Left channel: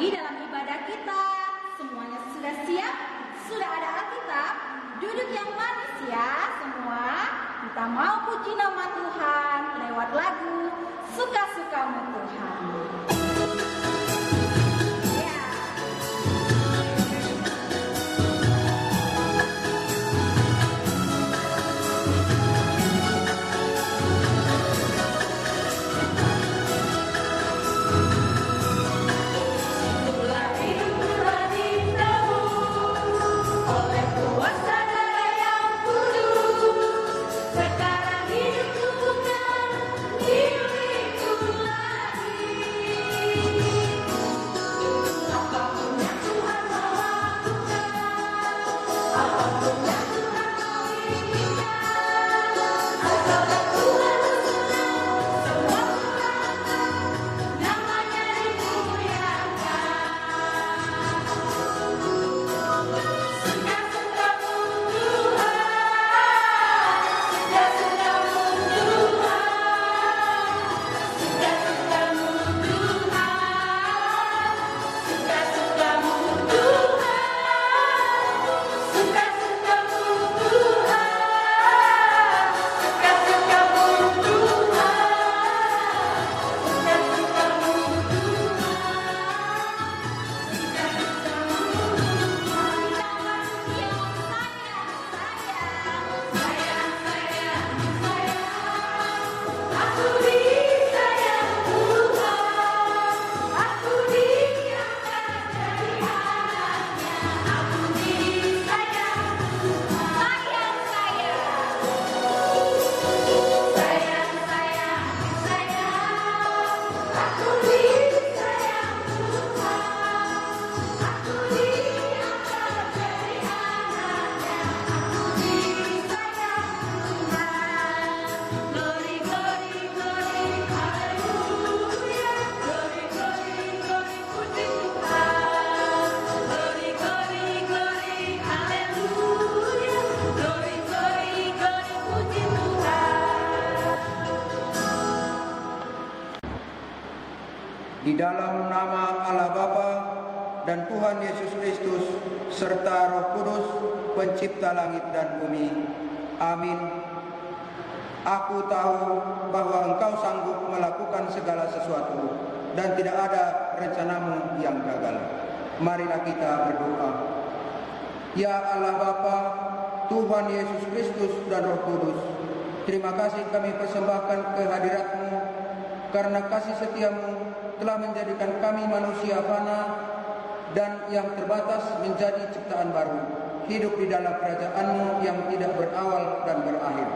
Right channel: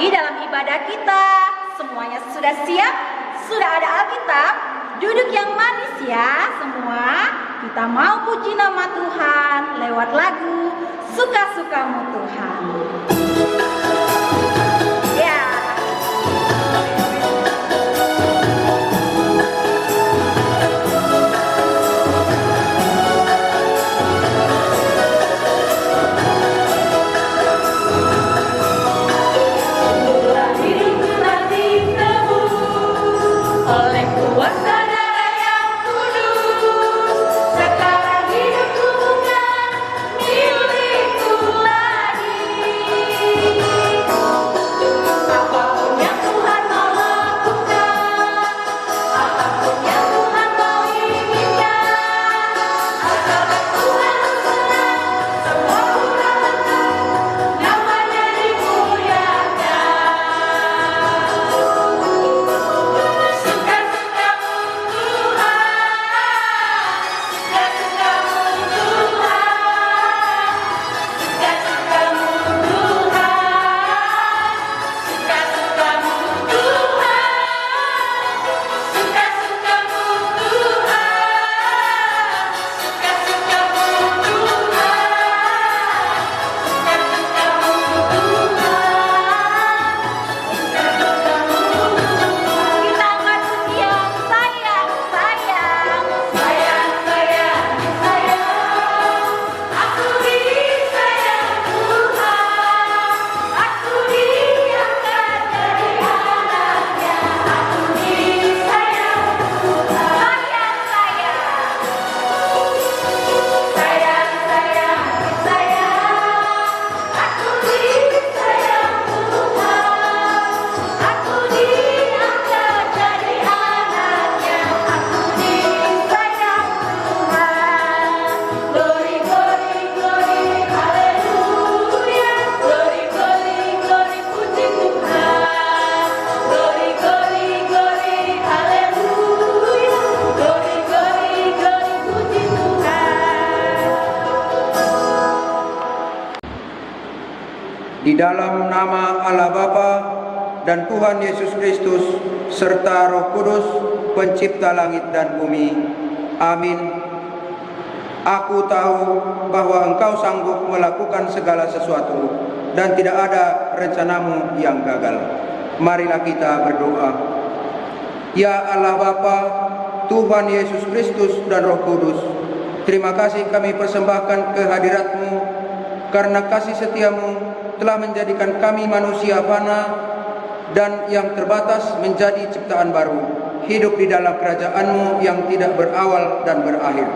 lagi dalam ibadah kita. Semuanya sudah siap? Sudah ada Alkitab? Duduk yang manis ya semua. Kita mau puji nama Tuhan lewat lagu Suka-Sukamu Tuhan. Ya. Di dalam nama Allah Bapa dan Tuhan Yesus Kristus serta Roh Kudus, pencipta langit dan bumi. Amin. Aku tahu bahwa Engkau sanggup melakukan segala sesuatu dan tidak ada rencanamu yang gagal. Marilah kita berdoa. Ya Allah Bapa, Tuhan Yesus Kristus dan Roh Kudus, terima kasih kami persembahkan kehadirat-Mu karena kasih setia-Mu telah menjadikan kami manusia fana dan yang terbatas menjadi ciptaan baru, hidup di dalam kerajaan-Mu yang tidak berawal dan berakhir.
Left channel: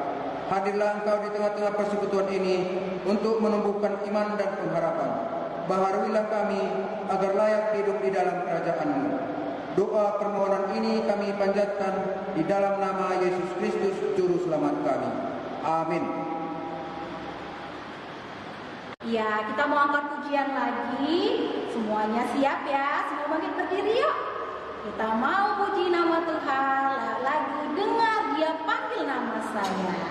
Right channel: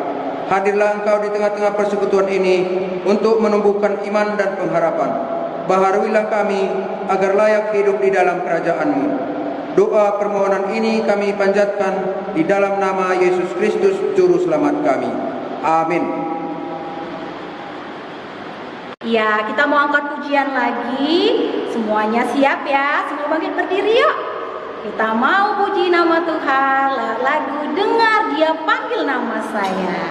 Hadirlah Engkau di tengah-tengah persekutuan ini untuk menumbuhkan iman dan pengharapan. Baharuilah kami agar layak hidup di dalam kerajaan-Mu. Doa permohonan ini kami panjatkan di dalam nama Yesus Kristus, Juru Selamat kami. Amin. Ya, kita mau angkat pujian lagi. Semuanya siap ya? Semua bangkit berdiri yuk. Kita mau puji nama Tuhan lewat lagu Dengar Dia Panggil Nama Saya.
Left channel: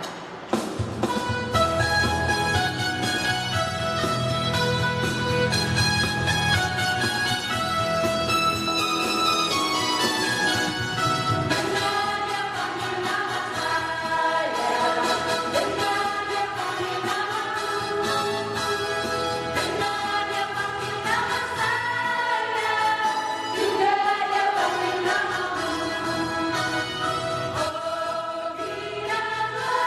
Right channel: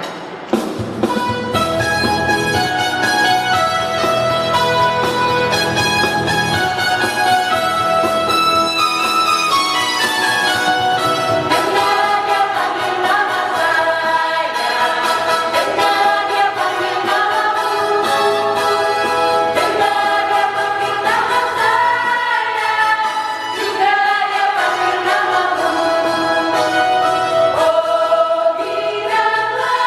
Oh, biarlah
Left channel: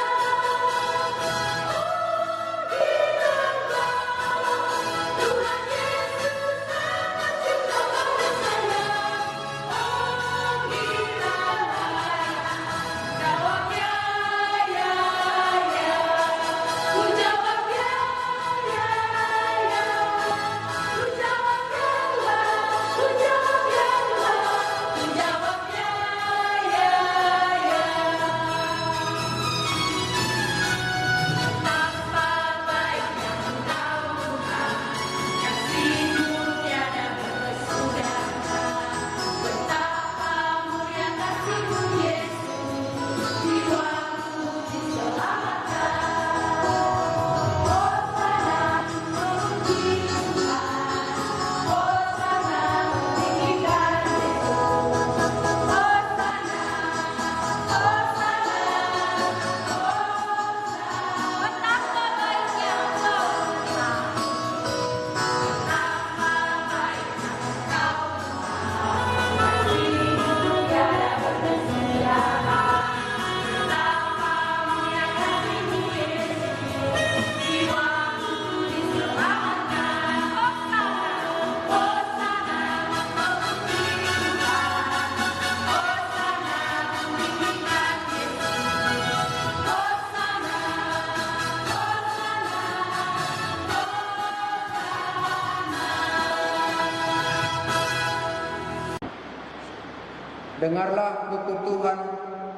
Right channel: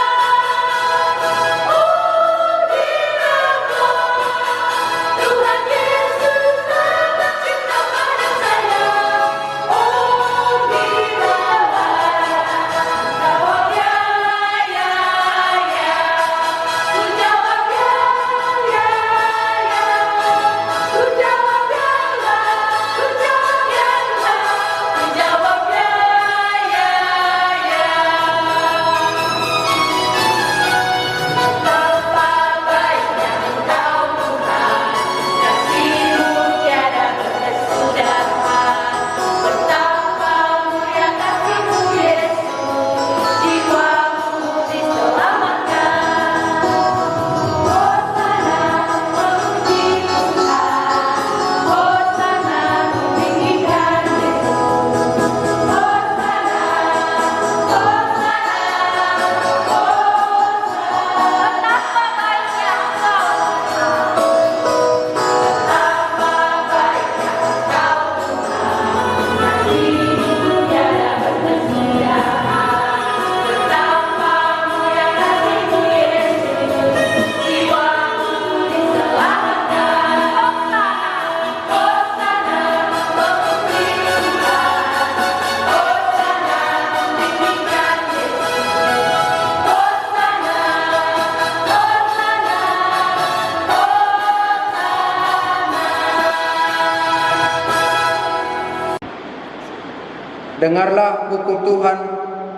dengarlah hukum Tuhan,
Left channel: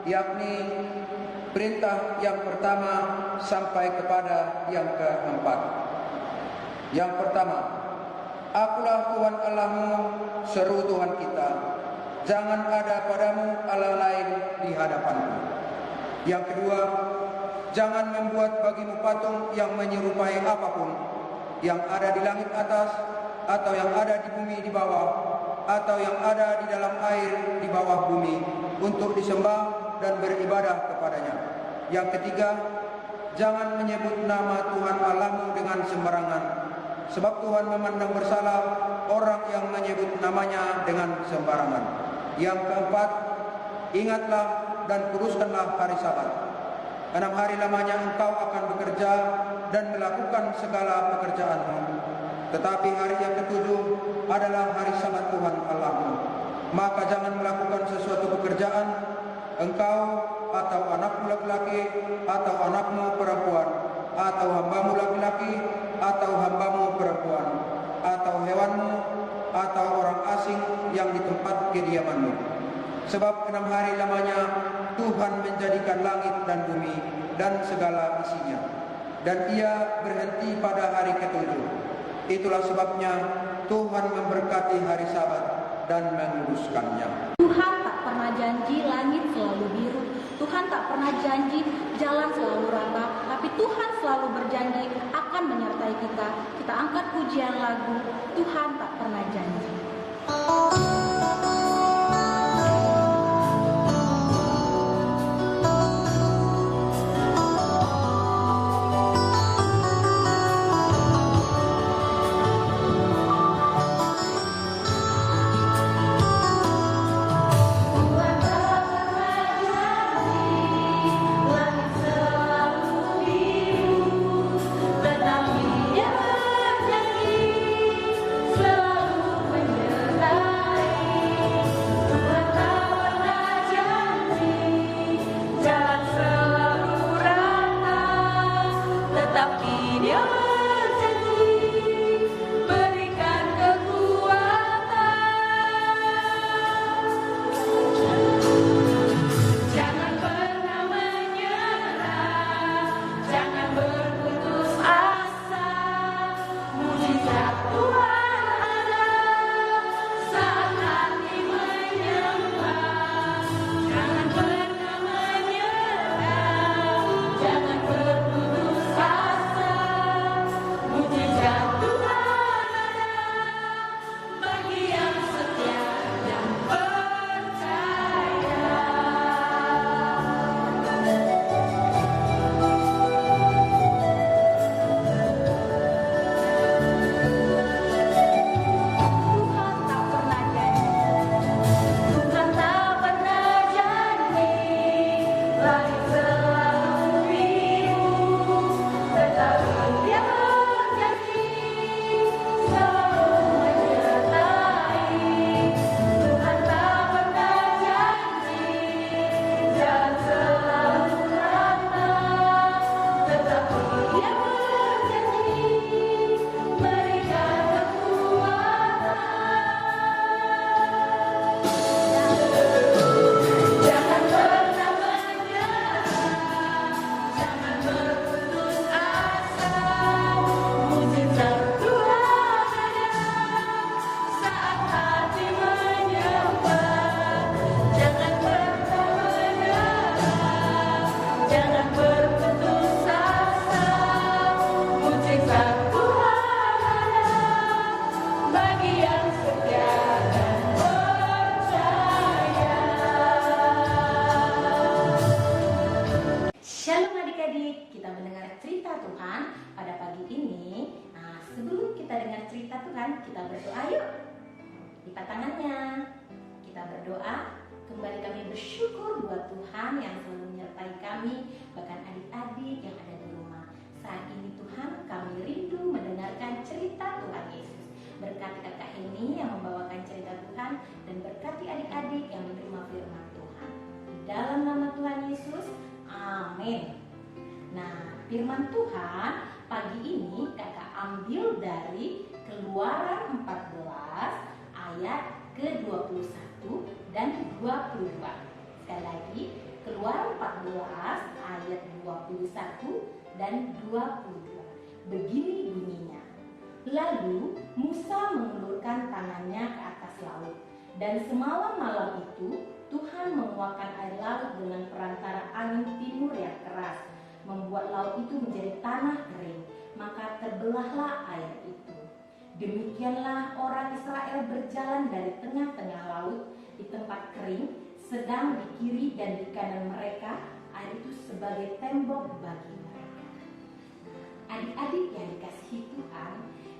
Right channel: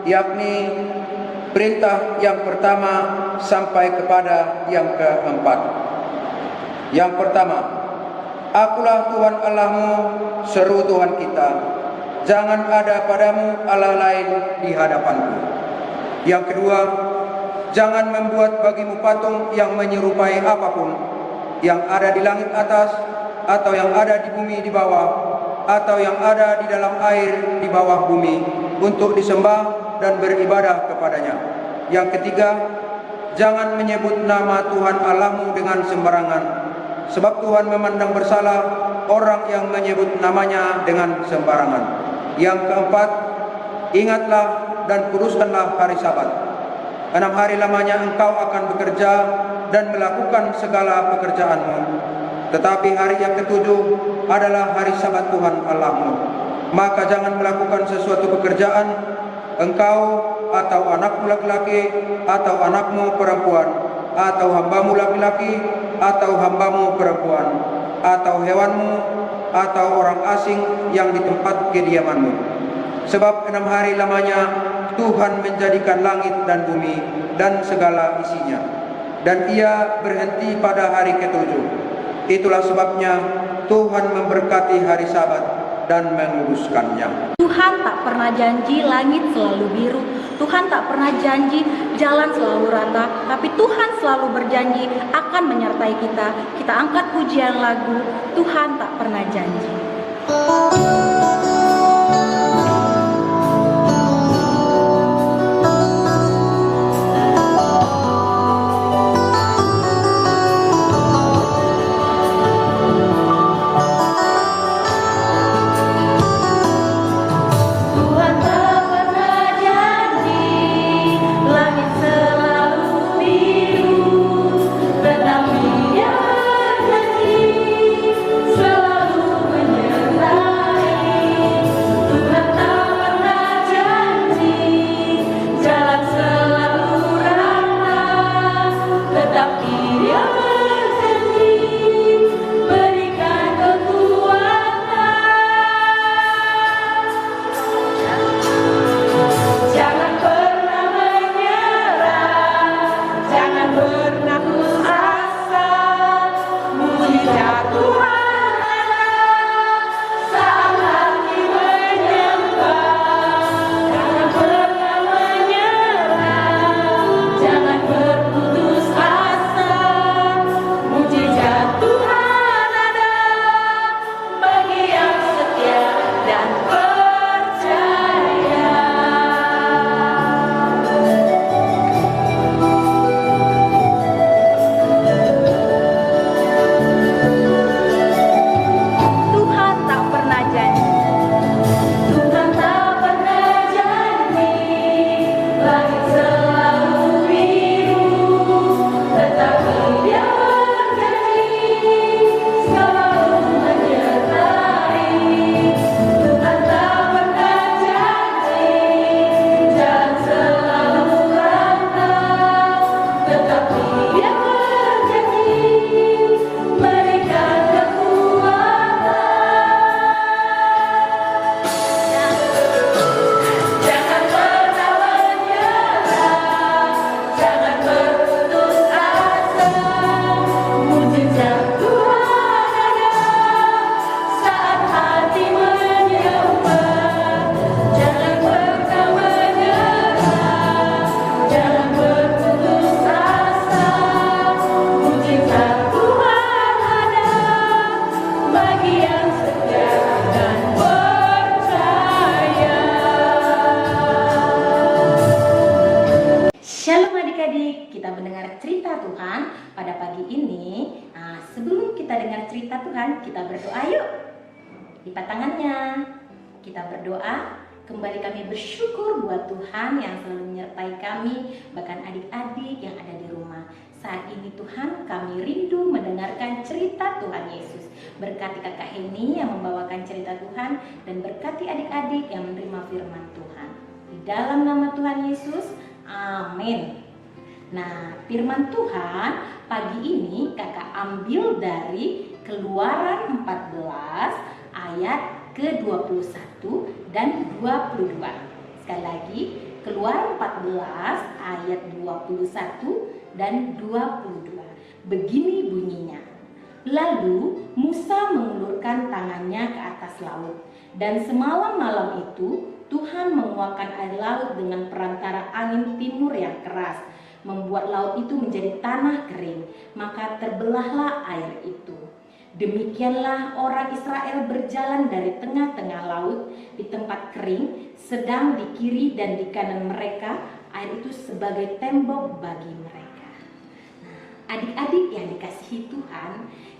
yakni perintah yang pertama sampai kepada yang keempat. Yang pertama, Akulah Tuhan Allahmu, seru Tuhan kita. Jangan ada padamu Allah lain di hadapanku. Yang kedua, jangan membuat bagimu patung yang menyerupai apapun, yang ada di langit atas, atau yang ada di bumi di bawah, atau yang ada di dalam air di bawah bumi, untuk disembah dan beribadah kepadanya. Yang ketiga, jangan menyebut nama Tuhan Allahmu dengan sembarangan, sebab Tuhan memandang bersalah orang yang menyebut namanya dengan sembarangan. Yang keempat, ingatlah dan kuduskanlah hari Sabat. 6 hari lamanya engkau akan bekerja dan melakukan segala pekerjaanmu. Tetapi hari yang ketujuh adalah hari Sabat Tuhan Allahmu. Maka jangan melakukan sesuatu pekerjaan, engkau atau anakmu laki-laki, atau anakmu perempuan, atau hambamu laki-laki, atau hambamu perempuan, atau hewanmu, atau orang asing yang di tempat kediamanmu. Sebab 6 hari lamanya Tuhan menjadikan langit dan bumi dan segala isinya, dan Ia berhenti pada hari ketujuh. Itulah sebabnya Tuhan memberkati hari Sabat dan menguduskannya. Tuhan tak pernah janji langit selalu biru. Tuhan tak pernah janji jalan selalu rata. Tapi Tuhan selalu berjanji akan menyertai kita. Kita angkat pujian lagu Tuhan tak pernah janji. Shalom adik-adik, kita mendengar cerita Tuhan pada pagi ini. Nah, sebelum kita dengar cerita Tuhan, kita berdoa yuk. Lipat tangannya. Kita berdoa, kembali kami bersyukur buat Tuhan yang selalu menyertai kami, bahkan adik-adik yang ada di rumah. Saat ini Tuhan, kami rindu mendengarkan cerita Tuhan Yesus. Berkati kakak Heni yang membawakan cerita Tuhan, dan berkati adik-adik yang menerima firman Tuhan. Di dalam nama Tuhan Yesus, amin. Nah, firman Tuhan pagi ini kakak ambil dari Keluaran 14 ayat ke-21. dan 22. Sekali lagi, Keluaran 14 ayat 21 dan 22. Begini bunyinya. Lalu Musa mengulurkan tangannya ke atas laut, dan semalam-malam itu Tuhan menguakkan air laut dengan perantara angin timur yang keras, membuat laut itu menjadi tanah kering, maka terbelahlah air itu. Demikianlah orang Israel berjalan dari tengah-tengah laut di tempat kering, sedang di kiri dan di kanan mereka air itu sebagai tembok bagi mereka. Adik-adik yang dikasihi Tuhan,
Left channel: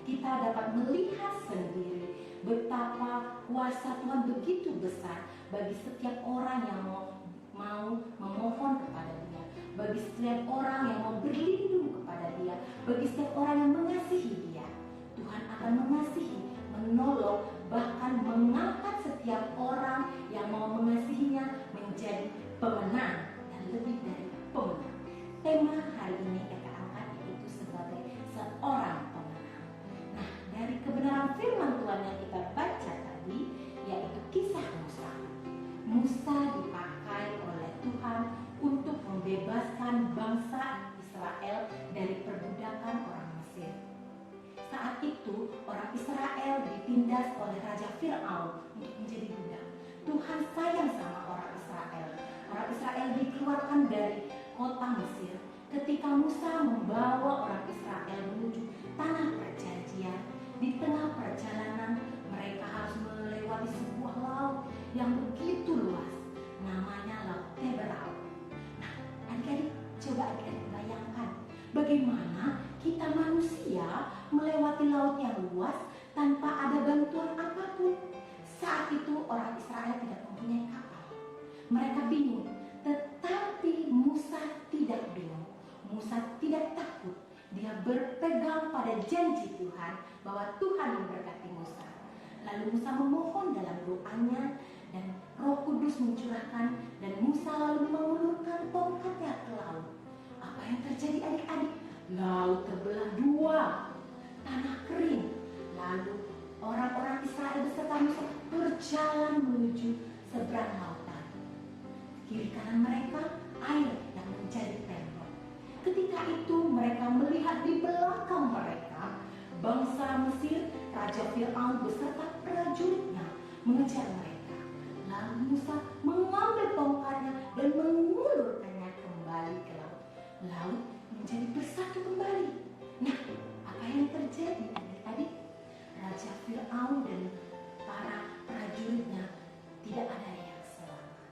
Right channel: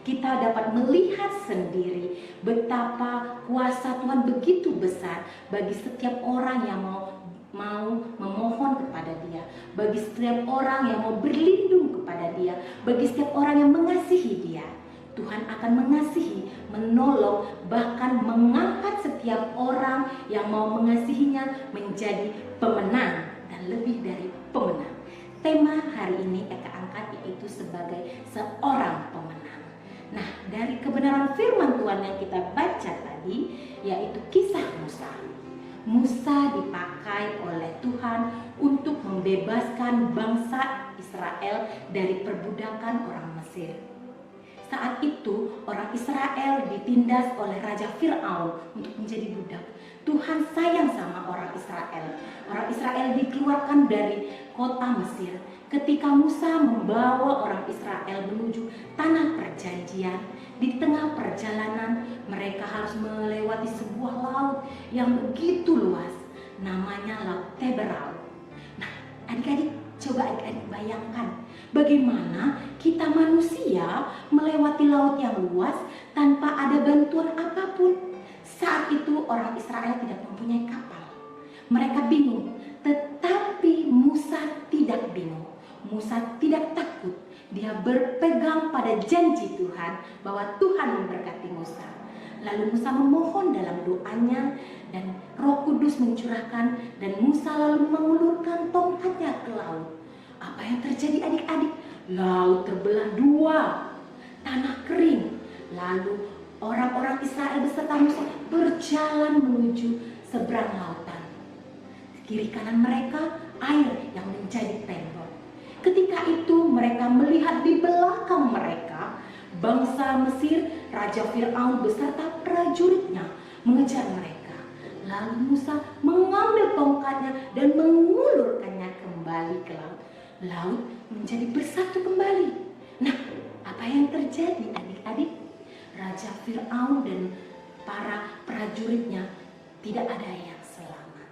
kita dapat melihat sendiri betapa kuasa Tuhan begitu besar bagi setiap orang yang mau memohon kepada Dia, bagi setiap orang yang mau berlindung kepada Dia, bagi setiap orang yang mengasihi Dia. Tuhan akan mengasihi, menolong, bahkan mengangkat setiap orang yang mau mengasihinya menjadi pemenang dan lebih dari pemenang. Tema hari ini Eka angkat yaitu sebagai seorang pemenang. Nah, dari kebenaran firman Tuhan yang kita baca tadi yaitu kisah Musa. Musa dipakai oleh Tuhan untuk membebaskan bangsa Israel dari perbudakan orang Mesir. Saat itu orang Israel ditindas oleh Raja Fir'aun untuk menjadi budak. Tuhan sayang sama orang Israel. Orang Israel dikeluarkan dari kota Mesir. Ketika Musa membawa orang Israel menuju tanah perjanjian, di tengah perjalanan mereka harus melewati sebuah laut yang begitu luas, namanya Laut Teberau. Nah, adik-adik, coba adik-adik bayangkan bagaimana kita manusia melewati laut yang luas tanpa ada bantuan apapun. Saat itu orang Israel tidak mempunyai kapal. Mereka bingung, tetapi Musa tidak bingung. Musa tidak takut. Dia berpegang pada janji Tuhan bahwa Tuhan memberkati Musa. Lalu Musa memohon dalam doanya dan Roh Kudus mencurahkan dan Musa lalu mengulurkan tongkatnya ke laut. Apa yang terjadi adik-adik? Laut terbelah dua, tanah kering. Lalu orang-orang Israel beserta Musa berjalan menuju seberang lautan. Kiri kanan mereka air yang menjadi tembok. Ketika itu mereka melihat di belakang mereka bangsa Mesir, Raja Fir'aun beserta prajuritnya mengejar mereka. Lalu Musa mengambil tongkatnya dan mengulurkannya kembali ke laut. Laut menjadi bersatu kembali. Nah, apa yang terjadi adik-adik? Raja Fir'aun dan para prajuritnya tidak ada yang selamat.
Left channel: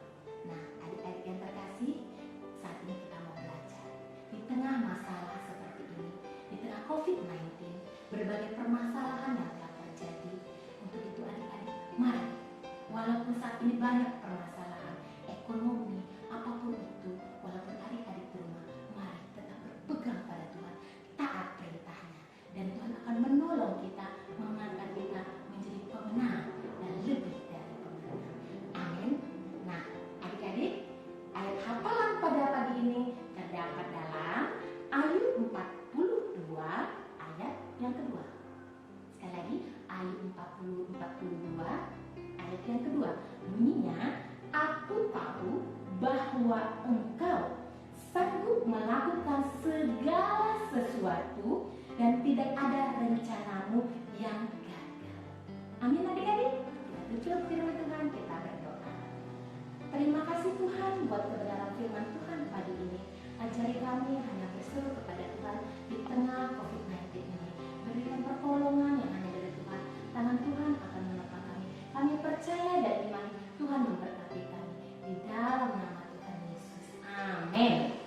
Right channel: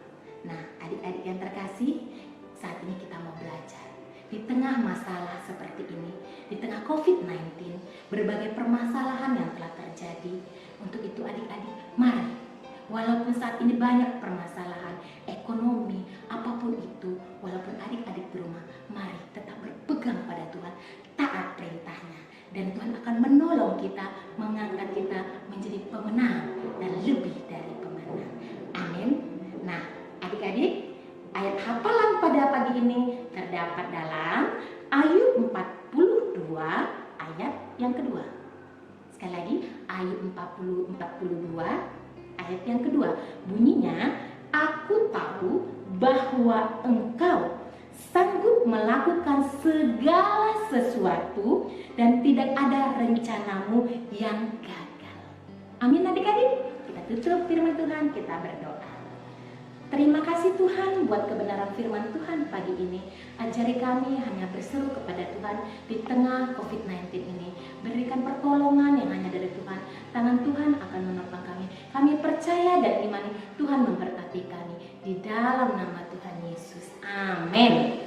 Nah, adik-adik yang terkasih, saat ini kita mau belajar. Di tengah masalah seperti ini, di tengah COVID-19, berbagai permasalahan yang telah terjadi. Untuk itu adik-adik, mari, walaupun saat ini banyak permasalahan ekonomi, apapun itu, walaupun adik-adik di rumah, mari tetap berpegang pada Tuhan, taat perintahnya, dan Tuhan akan menolong kita, mengangkat kita menjadi pemenang dan lebih dari pemenang. Amin. Nah, adik-adik, ayat hafalan pada pagi ini terdapat dalam Ayub 42 ayat yang kedua. Sekali lagi, Ayub 42 ayat yang kedua. Bunyinya, aku tahu bahwa engkau sanggup melakukan segala sesuatu dan tidak ada rencanamu yang gagal. Amin adik-adik. Kita tutup firman Tuhan, kita berdoa. Terima kasih Tuhan buat kebenaran firman Tuhan pagi ini. Ajari kami hanya berseru kepada Tuhan di tengah COVID-19 ini. Berikan pertolongan yang hanya dari Tuhan. Tangan Tuhan akan menopang kami. Kami percaya dan imani Tuhan memberkati kami. Di dalam nama Tuhan Yesus. Amin.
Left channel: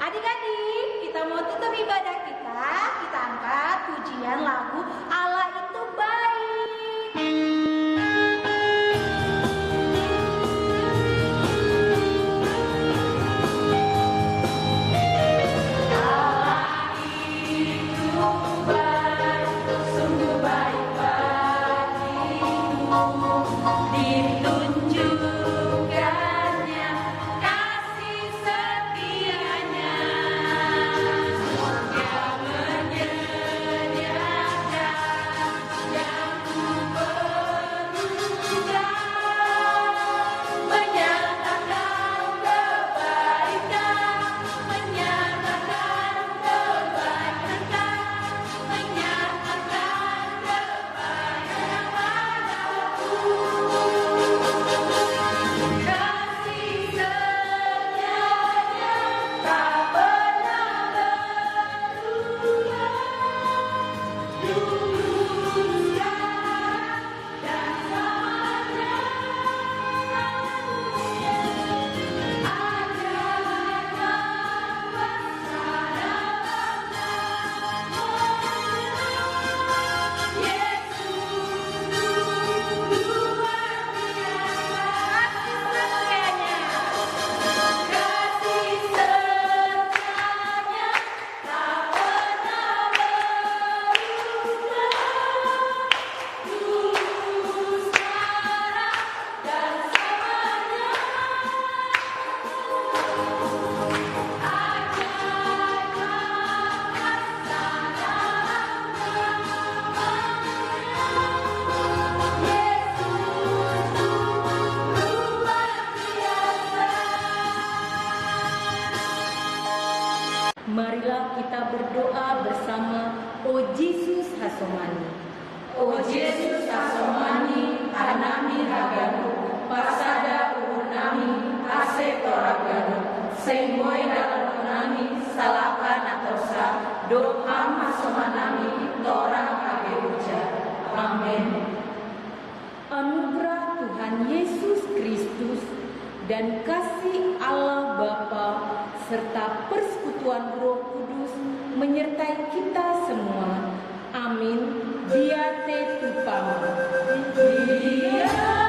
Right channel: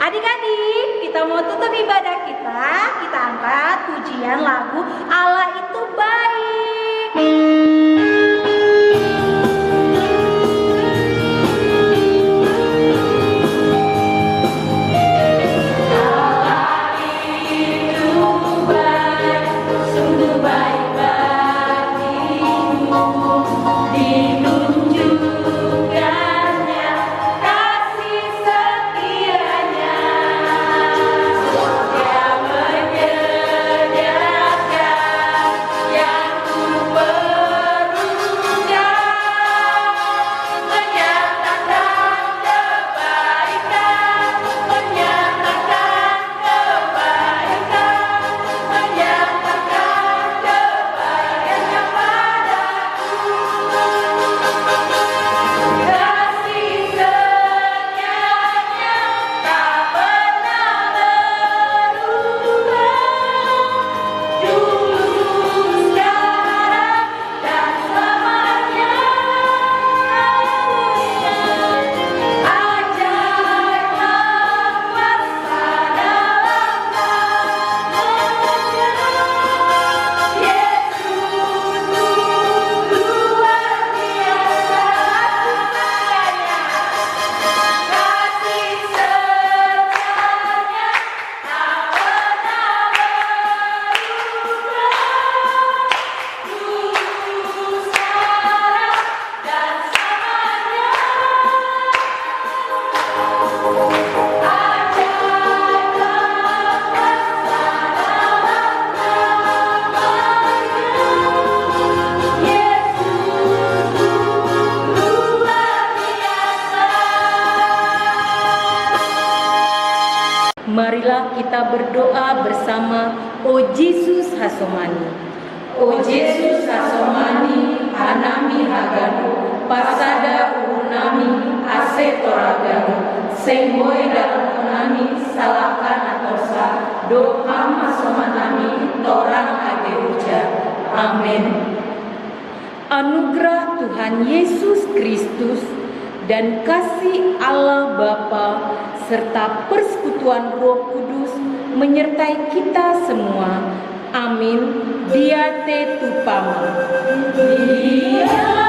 Adik-adik, kita mau tutup ibadah kita. Kita angkat pujian lagu Allah itu baik. Sungguh baik bagimu, dilunjukkan Marilah kita berdoa bersama. O Yesus hasomani, O Yesus hasomani, anami haganu, pasada urunami, ase toraganu, senggoi dalam konami, salahkan atosa, doham hasomanami, torang ageruja. Amin. Anugerah Tuhan Yesus Kristus dan kasih Allah Bapa serta persekutuan Roh Kudus menyertai kita semua. Amin. Diate tupama. Dia